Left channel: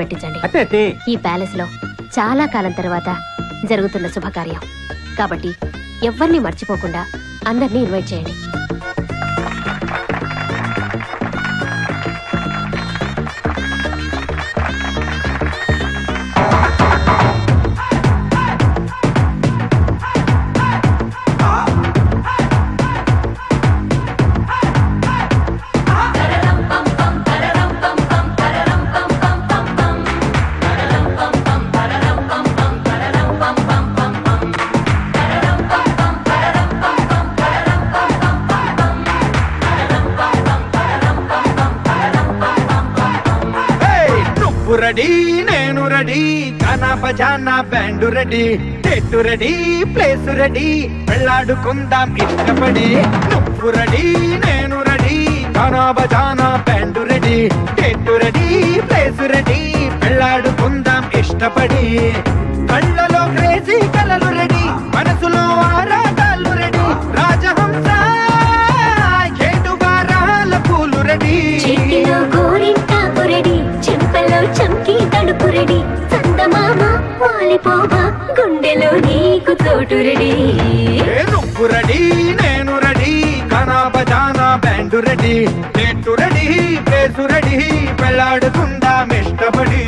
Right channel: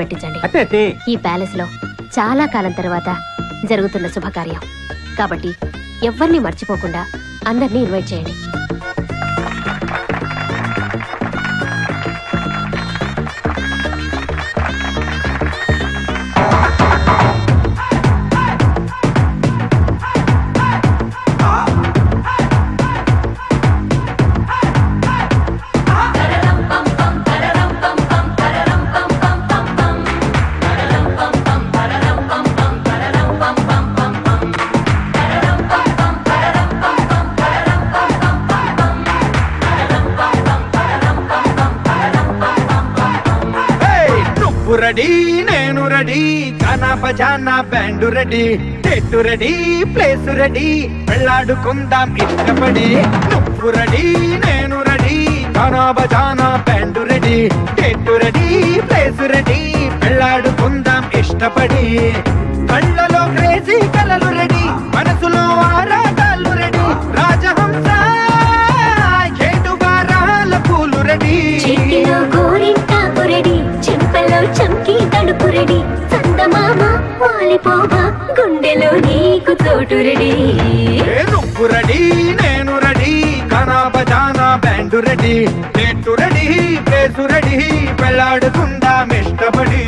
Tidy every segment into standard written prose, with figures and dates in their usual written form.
పెట్టించండి. ఈ ప్యాలెస్ లో చాలా కాలం తర్వాత జరుగుతున్న శుభకార్యం కాబట్టి ఎవరిని మర్చిపోకుండా అందరినీ ఇన్వైట్ చేయండి. రెడీ నేను రెడీ గానా బజానా బ్యాండ్ రెడీ టెట్టు రెడీ ప్లేస్ రెడీ వెళ్ళాడుకుందాం ఇష్టపడి నువ్వు రెడీ నేను రెడీ గానా బజానా బ్యాండ్ రెడీ టెట్టు రెడీ ప్లేస్ రెడీ వెళ్ళాడుకుందాం ఇష్టపడి కళ్ళలో క్రేజీ కలలు రెడీ మనసులో ఆరాటాలు రెడీ రాజహంస ఏడువారాల పూలు రెడీ చంకి తడుపు రెడీ చందమామ వాలిపోవా గుండెలో నీకు చోటు రెడీ నువ్వు రెడీ నేను రెడీ గానా బజానా బ్యాండ్ రెడీ టెట్టు రెడీ ప్లేసు రెడీ వెళ్ళాడుకుందాం ఇష్టపడి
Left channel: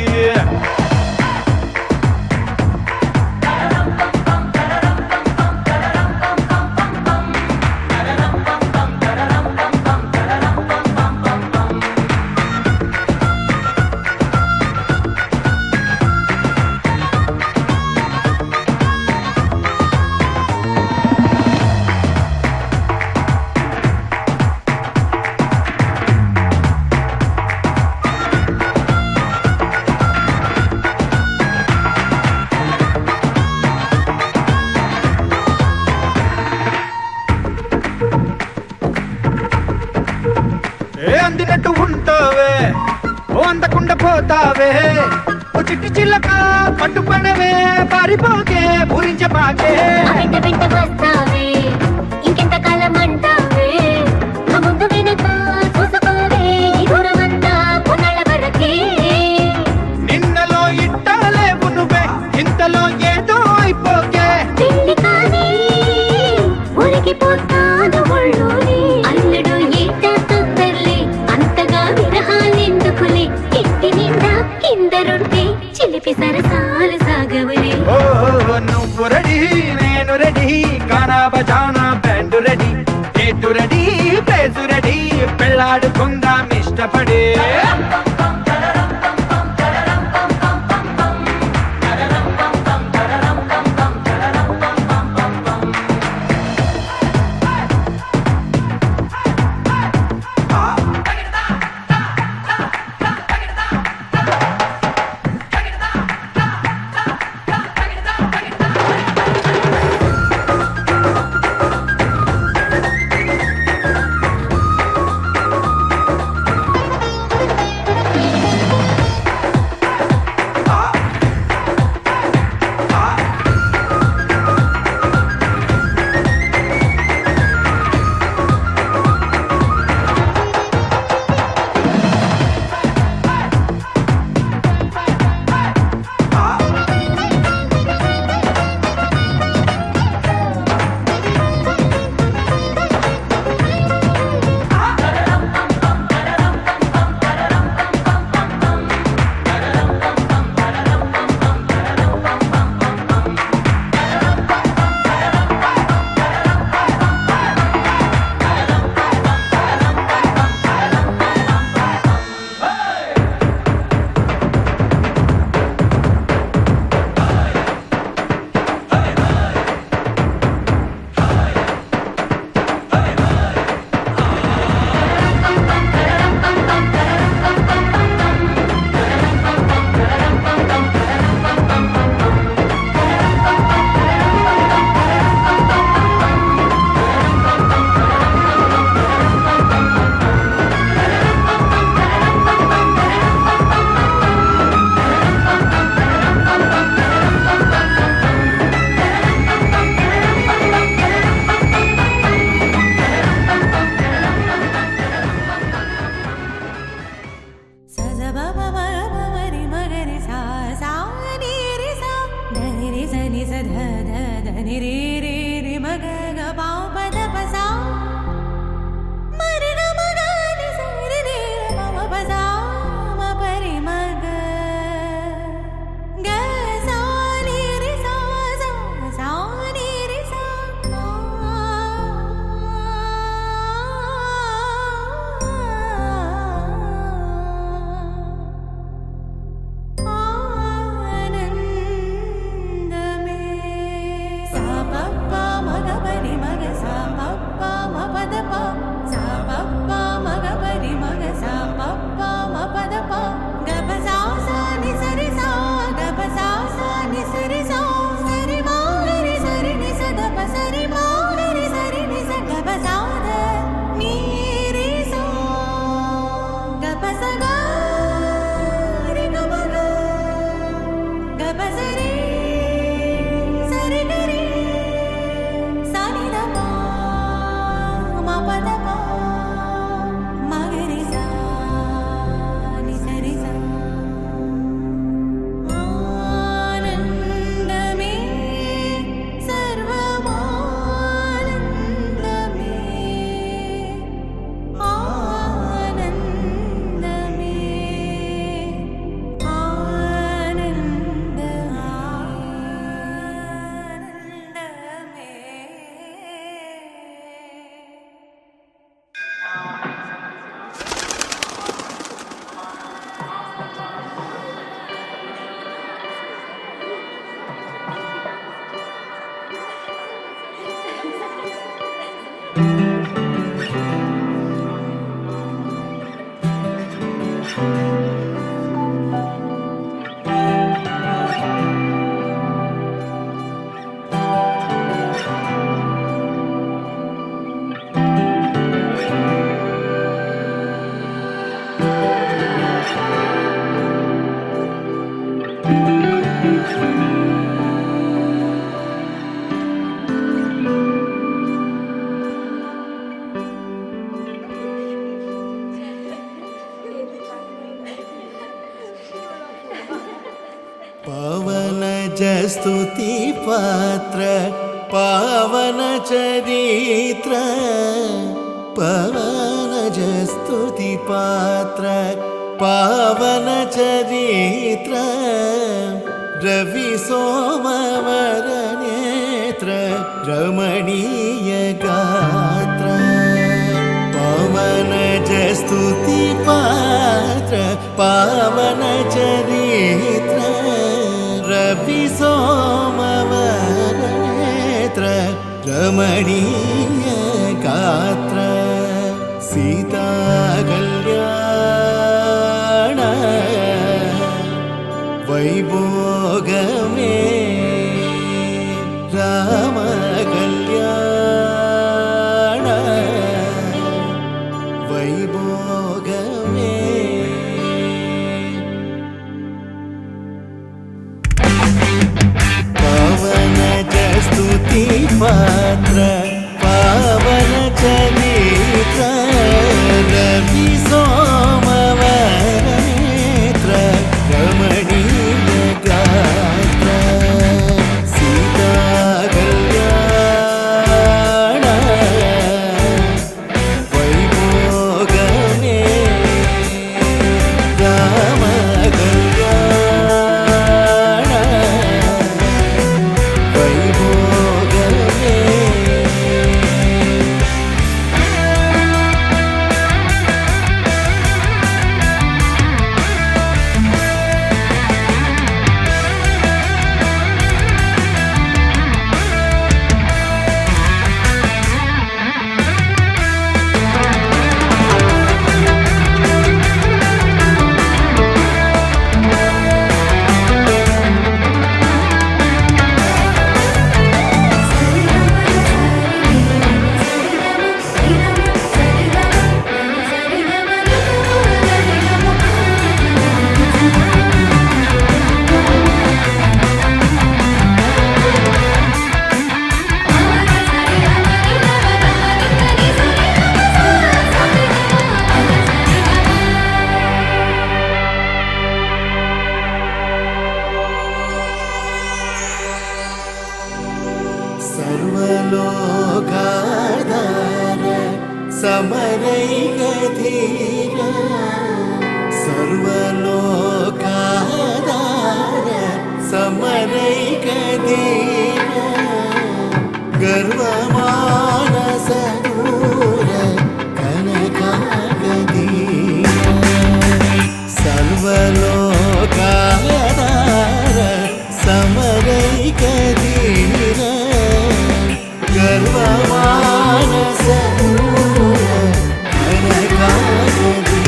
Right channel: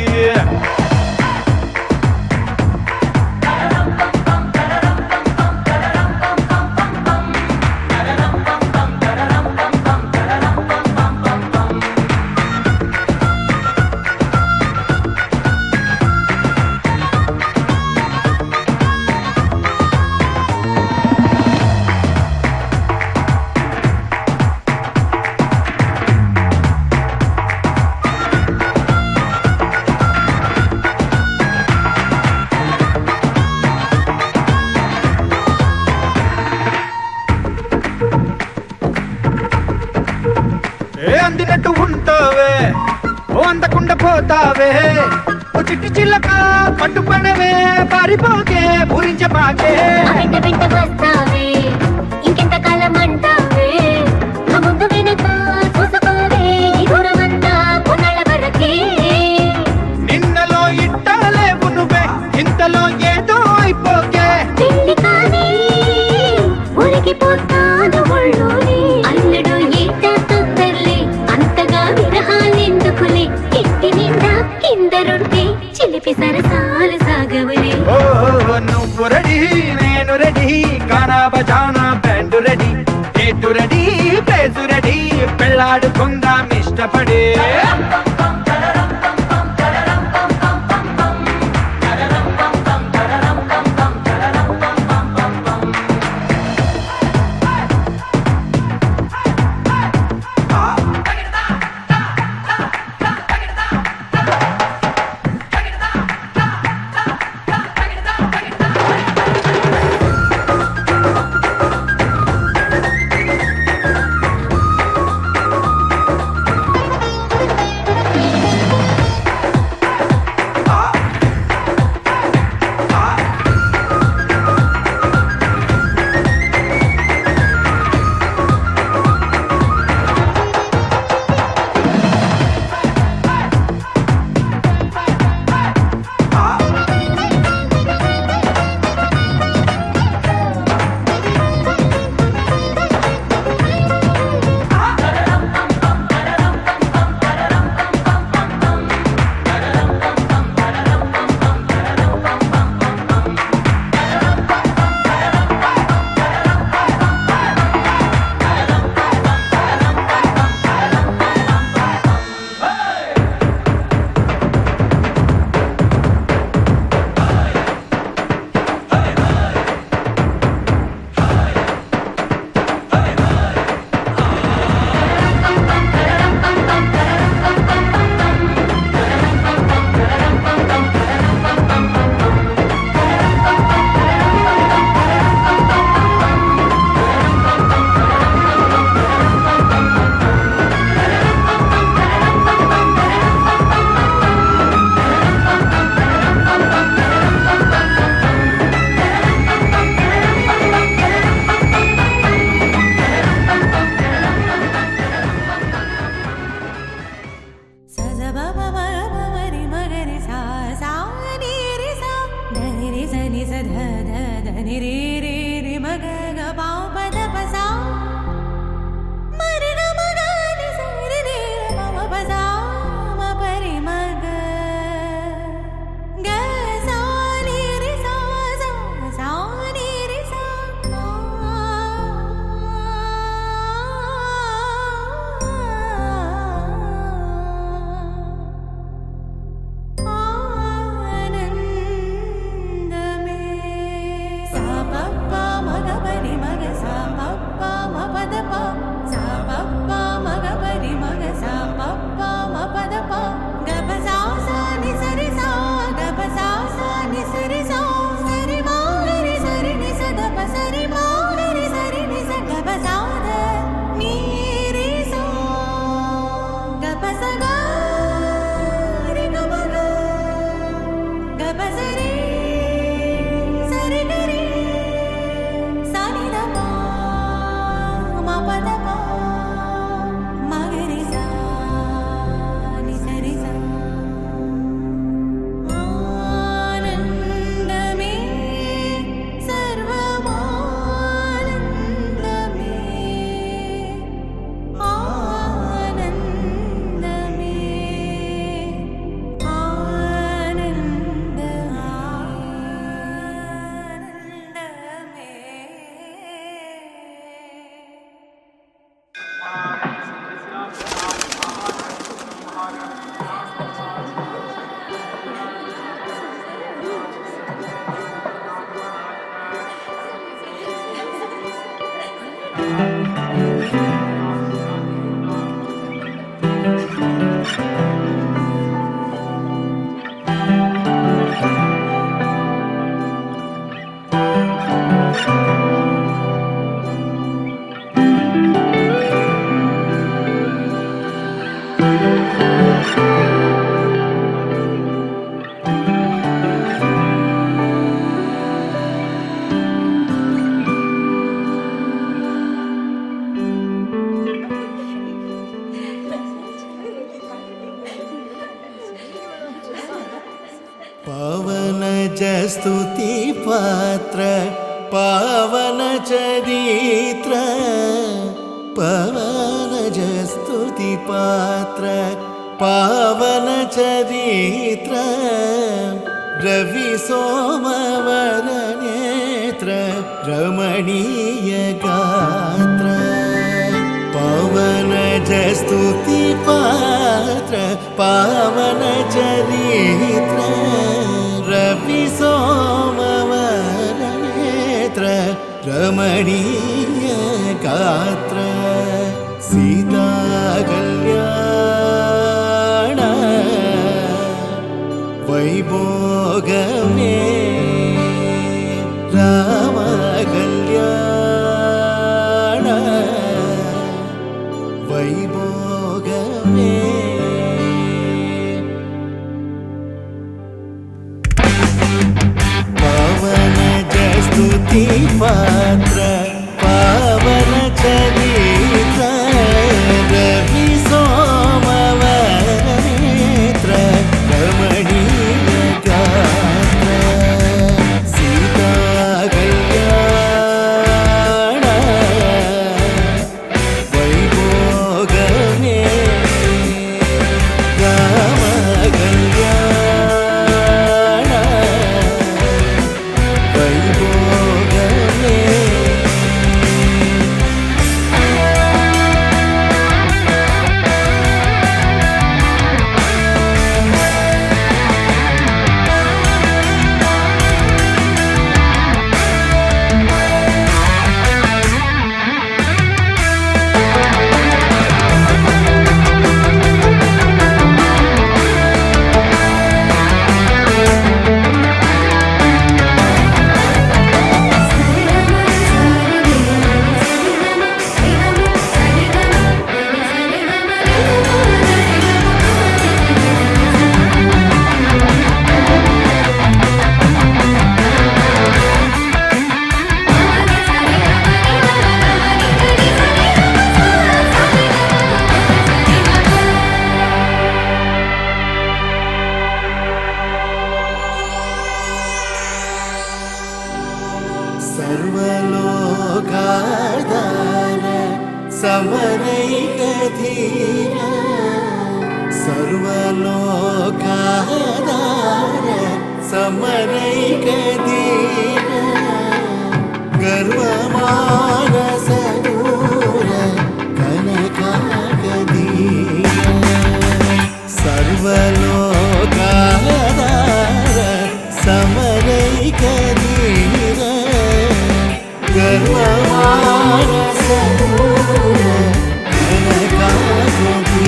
అందినట్టు ఉంటావే ఓ అందకుండా పోతావే ఓ చిట్టి చిల్లక పట్టుపడవే పారిపోకే పూరించబాకే వెంట వస్తావే ఇంకెంత కాలం అంటావే ముందు వెనక చూసుకోవే దూరమంతా కొన్నాళ్ళ వరకే నిన్నలో ఇట్టాలేవు నువ్వే ఇంతలో ఏదో అయిపోకే పెళ్లి కానీ ఉరికిపోతాను ఒళ్ళోనే అల్లుడు ఏట తొందరలే అంతగా విరహాలెందుకులే ఇంటి నిండా కిందరుంటే చిలిపి సరసాలు సాగవులే నువ్వు రెడీ నేను రెడీ గానా బజానా బ్యాండ్ రెడీ టెట్టు రెడీ ప్లేసు రెడీ పెళ్ళాడుకుందాం ఇష్టపడి ni sa dha dha dha ni re re re ma ga ga pa pa da pa sa ma re ga ma ga ni sa re re pa ma pa sa ma pa re ma ga ga sa ni re sa sa sa ni re sa स्तुति पात्र पावन चरित्र पवन स्तुति पात्र पावन चरित्र रवि सोमवर नेत्र रमणीय गात्र पवन स्तुति पात्र पावन चरित्र रवि सोमवर नेत्र रमणीय गात्र सीता कल्याण वैभोगमे राम कल्याण वैभोगमे पावन स्तुति पात्र पावन चरित्र रवि सोमवर नेत्र रमणीय गात्र सीता कल्याण वैभोगमे राम कल्याण वैभोगमे सर्वलोकाधार समरैकधीर सर्वलोकाधार समरैकधीर गर्वमानसदूर कनकागधीर सर्वलोकाधार समरैकधीर गर्वमानसदूर कनकागधीर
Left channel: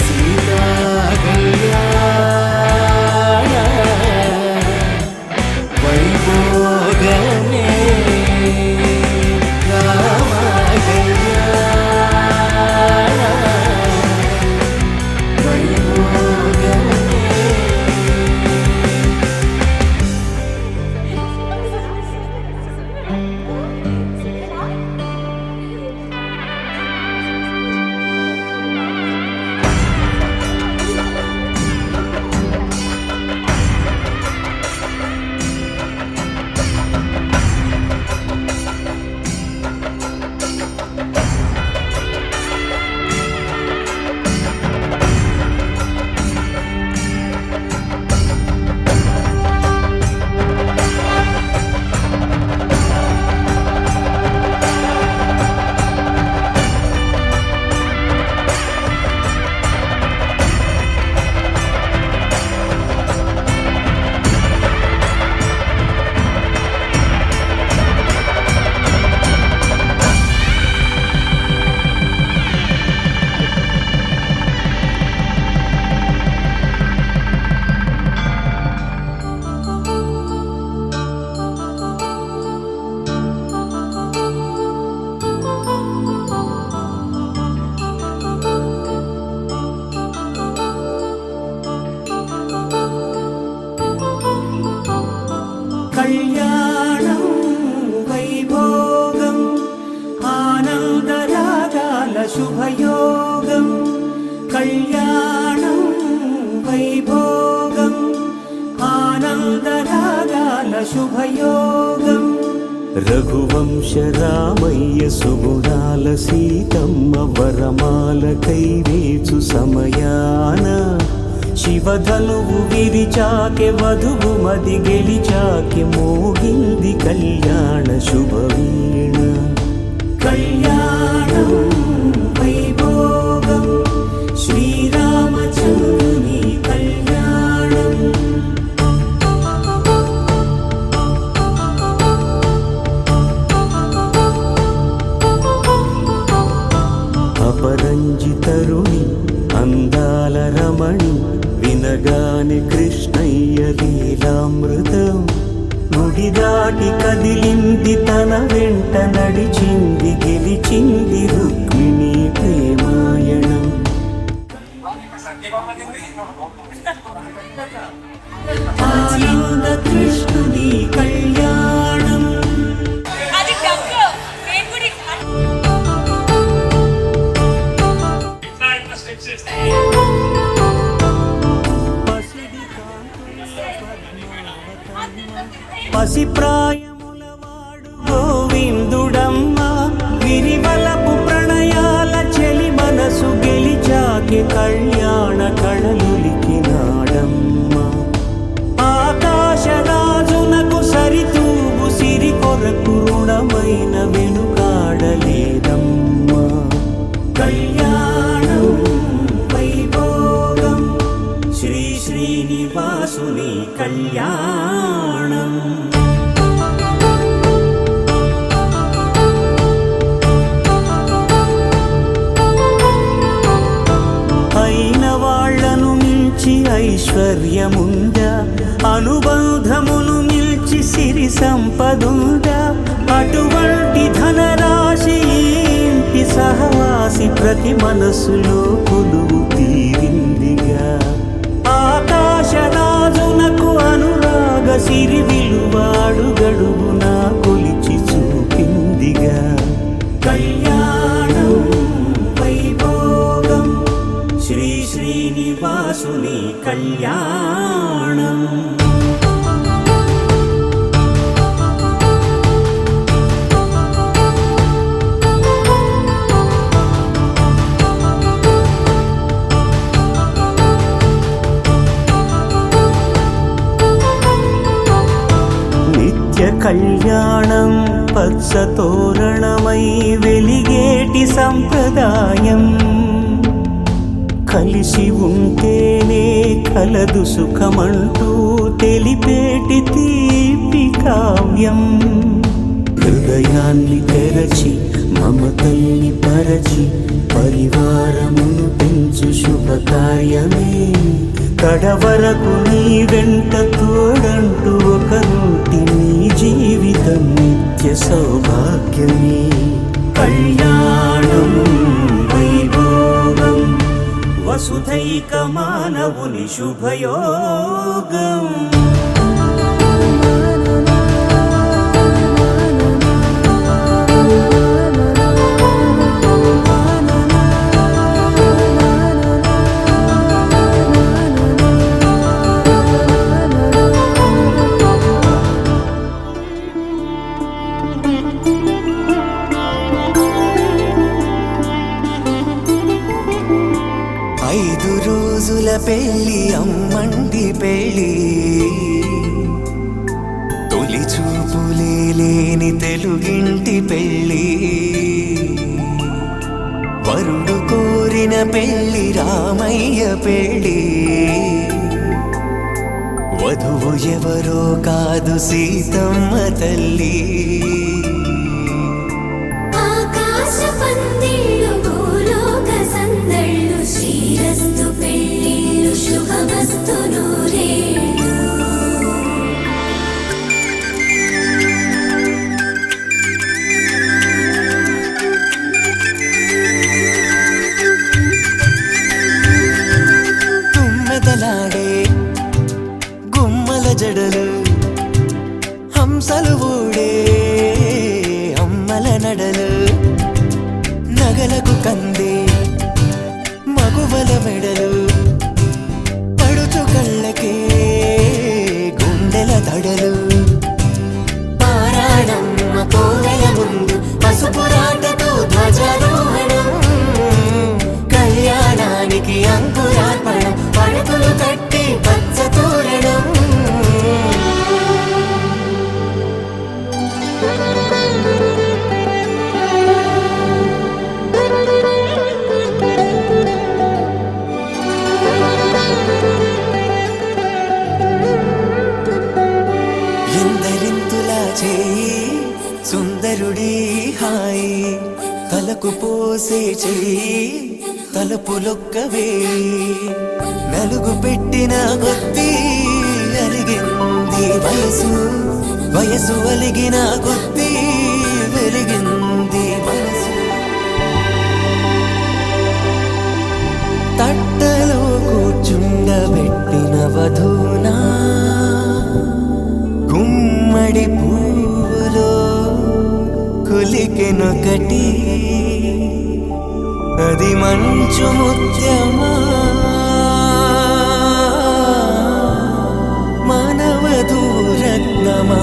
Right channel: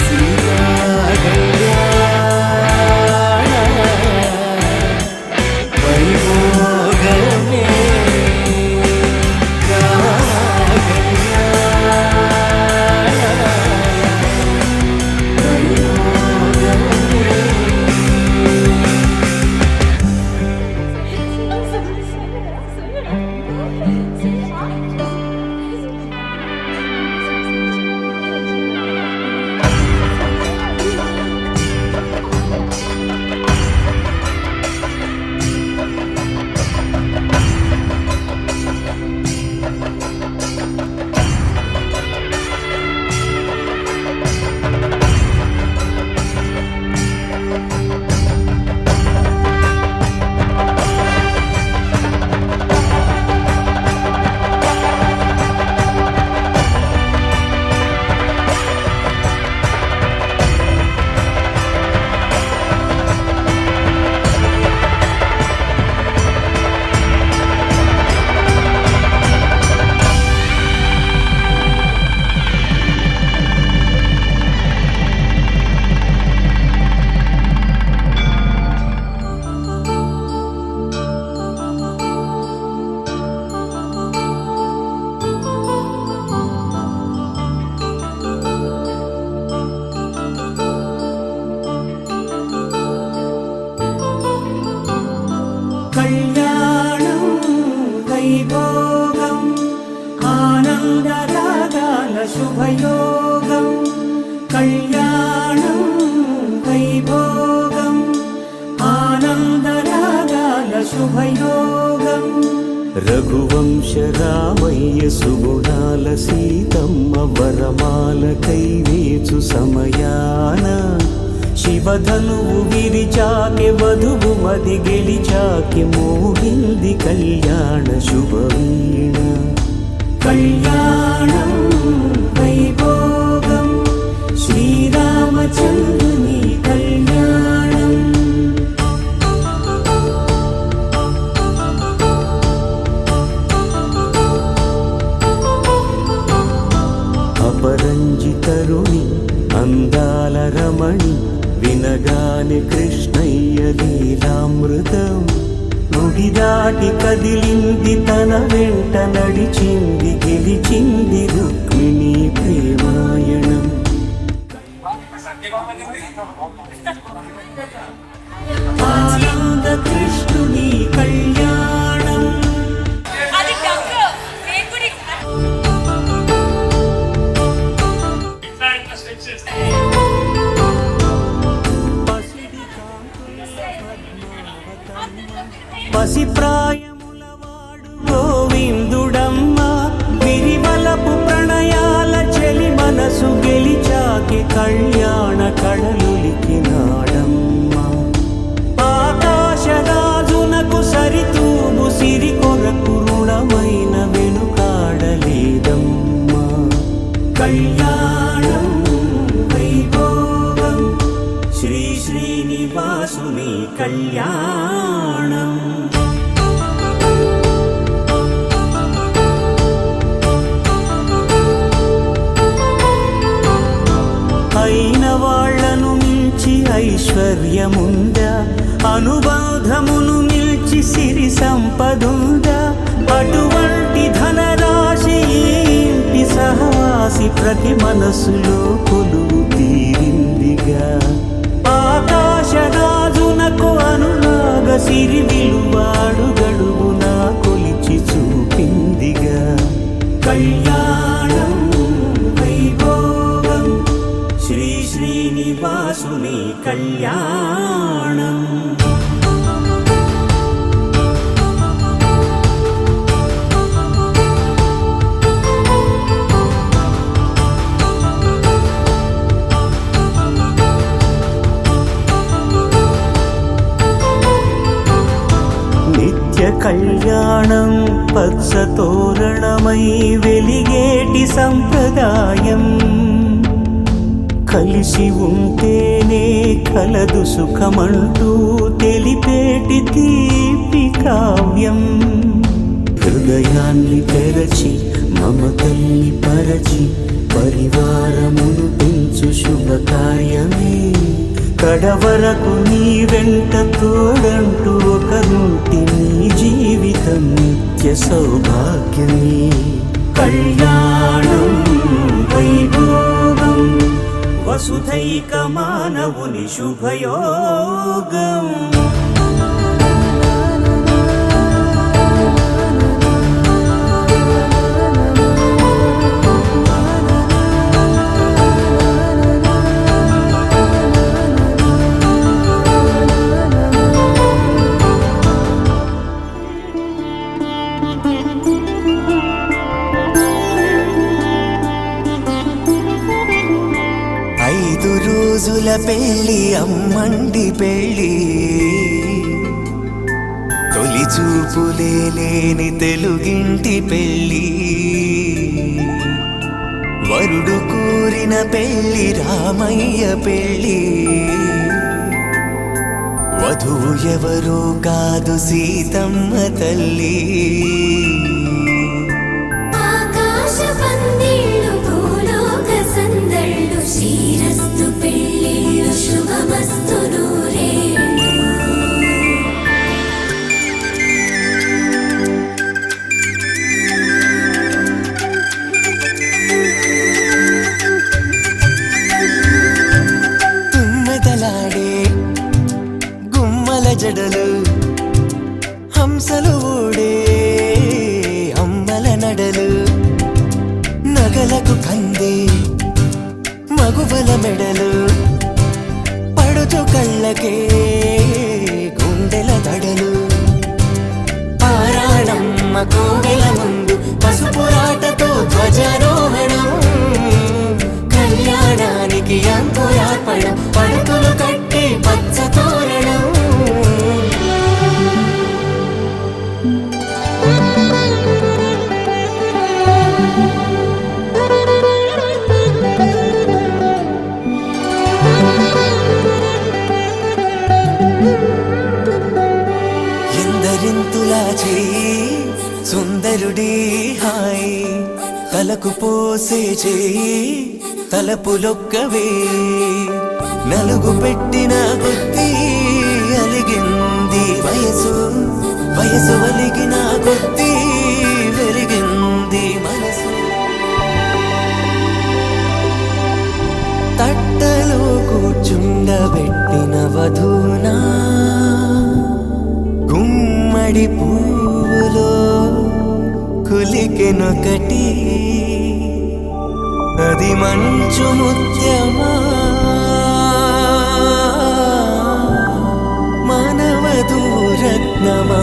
सीता कल्याण वैभोगमे राम कल्याण वैभोगमे కళ్యాణం వైభోగం ఆనందరాగాల శుభయోగం కళ్యాణం వైభోగం ఆనందరాగాల శుభయోగం రఘువంశ రామయ్య సుగుణాల సీతమ్మ వరమాల కైవేచు సమయాన శివధనువు విరిచాకె వధువు మది గెలిచాకె మోగింది కళ్యాణ శుభవీణ కళ్యాణం వైభోగం శ్రీరామచంద్రుని కళ్యాణం అపరంజి తరుణి అందాల రమణి వినగానే కృష్ణయ్య లీలామృతం గుడి దాటి కదిలింది తన వెంట నడిచింది గెలిచింది రుక్మిణి ప్రేమాయణం ఆనంద కృష్ణుని కళ్యాణం అది డగ్గు నేను కూడా పసిప్రాయముల వాడు గోవిందుడమ్మ విరివలపు ప్రణయాల చెలి మనసు గెలిచాకే కళ్యాణ కళలులికినాడమ్మ ఆకాశరాజునకు సరితూగు సిరి కొరకు రుణమైన వెనుకాడలేదమ్మా కళ్యాణం వైభోగం శ్రీ శ్రీనివాసుని కళ్యాణం అయిన వాళ్లను మించి ఐశ్వర్యముందా అనుబంధమును మిల్చి సిరి సంపదుందా అటువంటి ధనరాశి ఇంటి సహవాసి ప్రతి మనసులో కొలువు తీరిందిగా ఆకాశరాజునకు అనురాగ సిరి విలువాడు గడువునా కొలిచి చూపిందిగా కళ్యాణం వైభోగం శ్రీ శ్రీనివాసుని కళ్యాణం నిత్య కళ్యాణం పచ్చ తోరణమై వెలిగేటి సంప్రదాయం కలిసి ఉంటేనే కలదు సుఖమంటూ తెలిపేటి తీపి కావ్యం హృదయాన్ని తెరచి మమతల్ని పరచి పరివారమును పెంచు శుభకార్యమే కడవరకు నీ వెంట తోడంటూ ఒకరుంటి నీ జీవితం నిత్య సౌభాగ్యమే కళ్యాణం వైభోగం వసుధైక మానవుని శుభయోగం రోజుల పెళ్ళి అమ్మండి పెళ్ళి తొలి చూపులే లేని తెలుగింటి పెళ్ళి వరుడు కోరిన పెళ్ళి రామయ్య పెళ్ళి వధువు ఎవరో కాదు సీతమ్మ తల్లి శ్రీరస్తు పెళ్ళిళ్ళు శుభమస్తు నూరే తుమ్మెదలాడే గుమ్మల జడలు హంసలు ఊడే అమ్మల నడలు నగలకు కందే మగువల వెడలు పడుచు కళ్ళకే గుండెల దడలు ఆరాడమ్మ కోవెల ముందు పసుపురాటతో ధ్వజారోహణం కళ్యాణానికి అంకురార్పణం పడకలు కట్టి పచ్చ తోరణం ఎందరింతులా చేయి సుందరుడి హాయి తలకు పోసే చేయి తలపులొక్కవే నలుగు పెట్టిన కొద్దీ అలిగింది వయసు వయసు ఒలిగిన కొద్దీ వెలిగింది మనసు తట్టలో కూర్చుండబెట్టిన వధూనా గుమ్మడి పువ్వులో కులికెనొకటి అది మంచు ముత్యమా మానవధూరత్నమా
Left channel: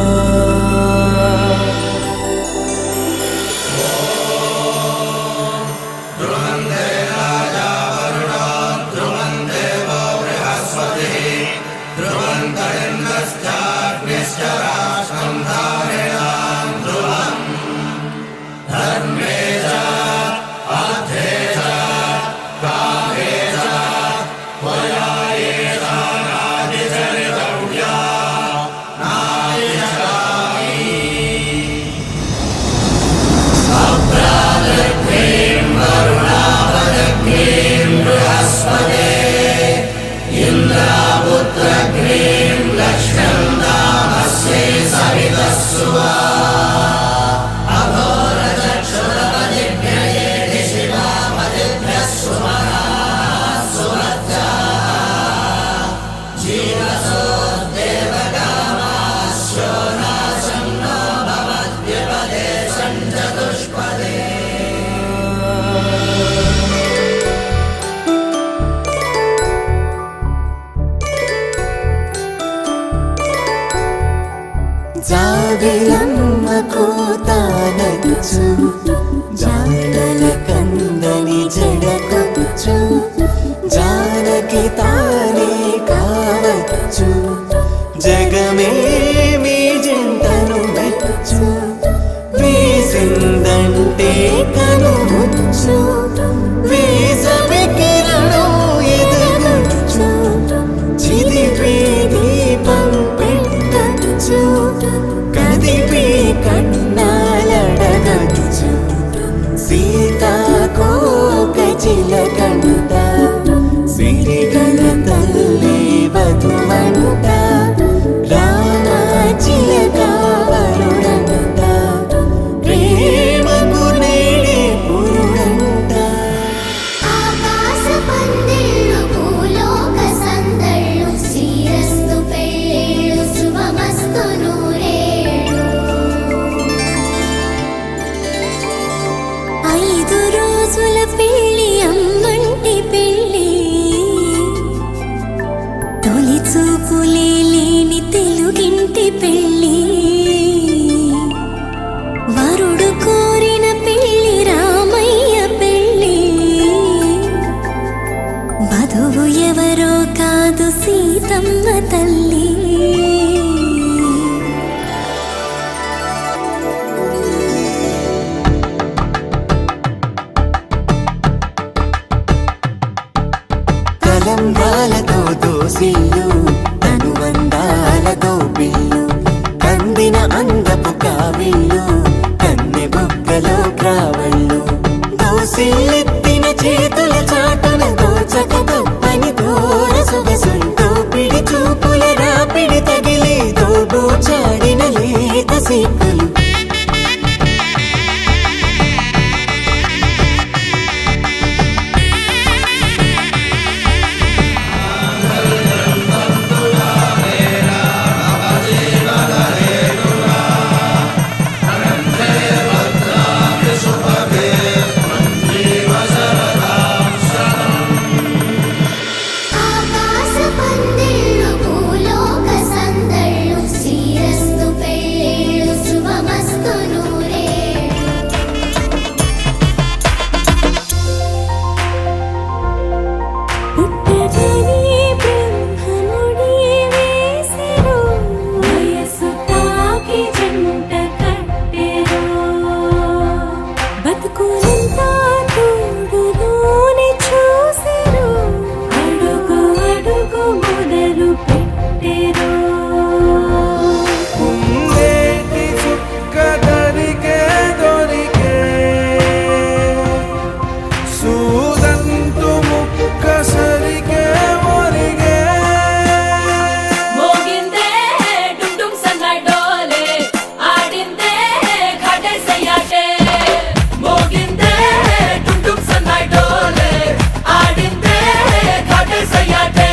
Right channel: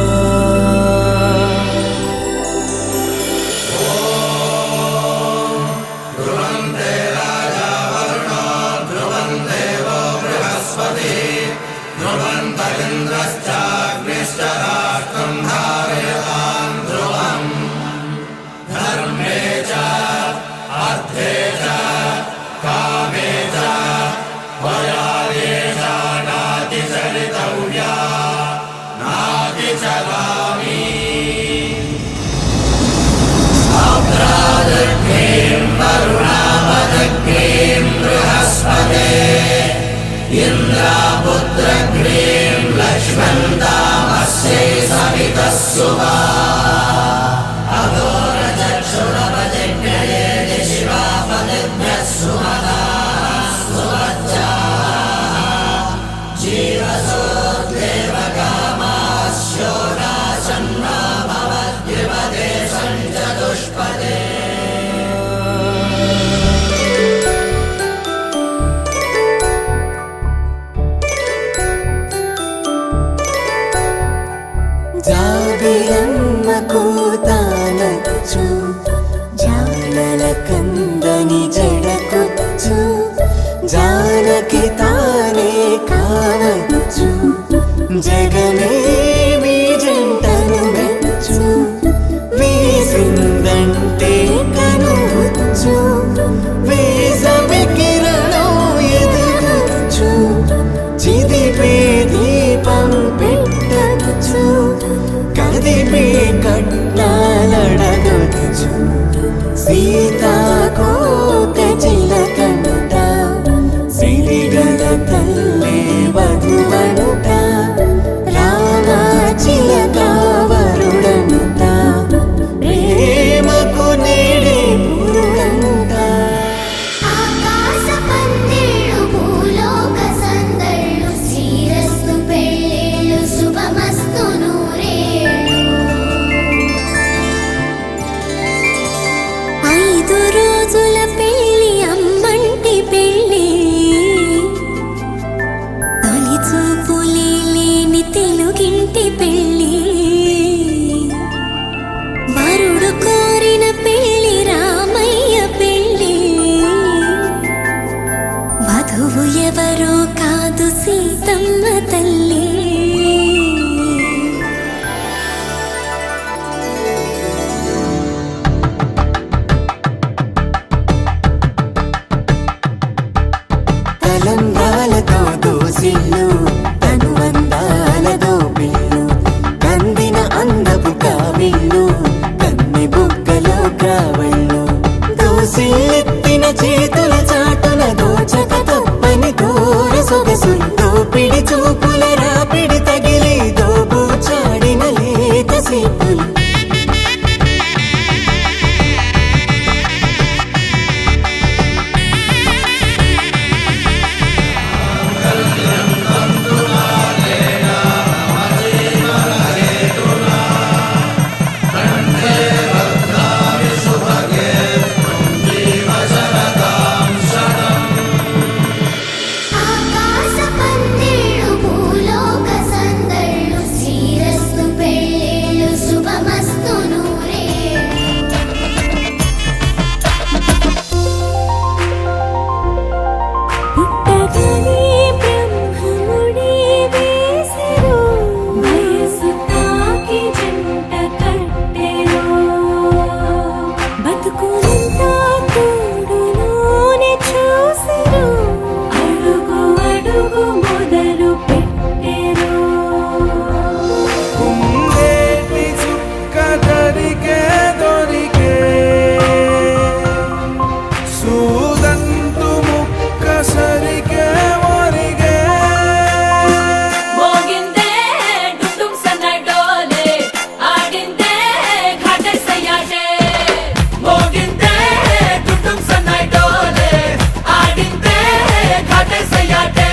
జాబిలమ్మ కదిపి కన్నాలడగచ్చు సీతాకోక చిలకనుత సిరిగన తల్లి వధువనుత రామ చిలక వరుడనుత ప్రేమకు నేడే పురుడంట ఆకాశ పందిళ్ళు భూలోక సందళ్ళు శ్రీరస్తు పెళ్ళిళ్ళు శుభమస్తు నూరేళ్ళు 5 రోజుల పెళ్ళి అమ్మంటి పెళ్ళి తొలి చూపులే లేని తెలుగింటి పెళ్ళి వరుడు కోరిన పెళ్ళి రామయ్య పెళ్ళి వధువు ఎవరో కాదు సీతమ్మ తల్లి కలంబ్రాలతో దోసిల్లు అనుబంధాలతో పిల్లు అందిన అందపు కావిళ్ళు కన్నె బుగ్గలో గ్రావళ్ళు దోసిల్లెత్తిన చేతుల చాటున దోచక తప్పని దూర సొగసులు దోపిడి చూపుల రాపిడి తగిలి దోబూచాడిన లేత సీపులు ఆకాశ పందిళ్ళు భూలోక సందళ్ళు శ్రీరస్తు పెళ్ళిళ్ళు శుభమస్తు నూరేళ్ళు పుట్టగని బ్రహ్మముడి వేసెను వయసు తాకి జంట కట్టెను బతుకులంతా తోడు నూరి చూసెను అడుగు అడుగు మొదలు పెట్టెను కుందేటి చుక్క దొరికే సూదంటు ముక్క సరికే మొరిగే మోగిందే డుండుం సన్నాయి డోలే ఆడిందే ఘాటే సయ్యాటే మోగిందే డుండుం సన్నాయి డోలే ఆడిందే ఘాటే సయ్యాటే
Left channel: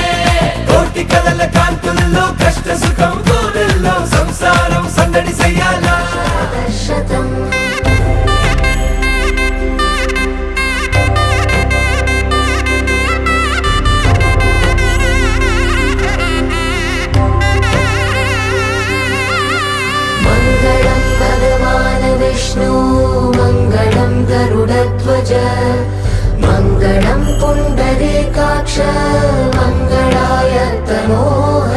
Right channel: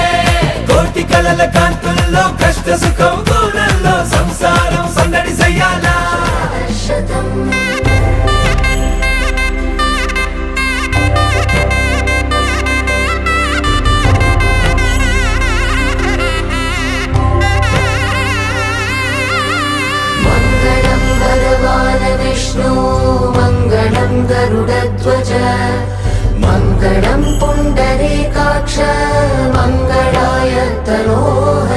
కోటి కలల కాంతుల్లో కష్ట సుఖం కోనల్లో సంసారం సందడి సయ్యాలా मङ्गलं भगवान् विष्णु मङ्गलं गरुडध्वज मङ्गलं पुण्डरीकाक्ष मङ्गलाय तनोः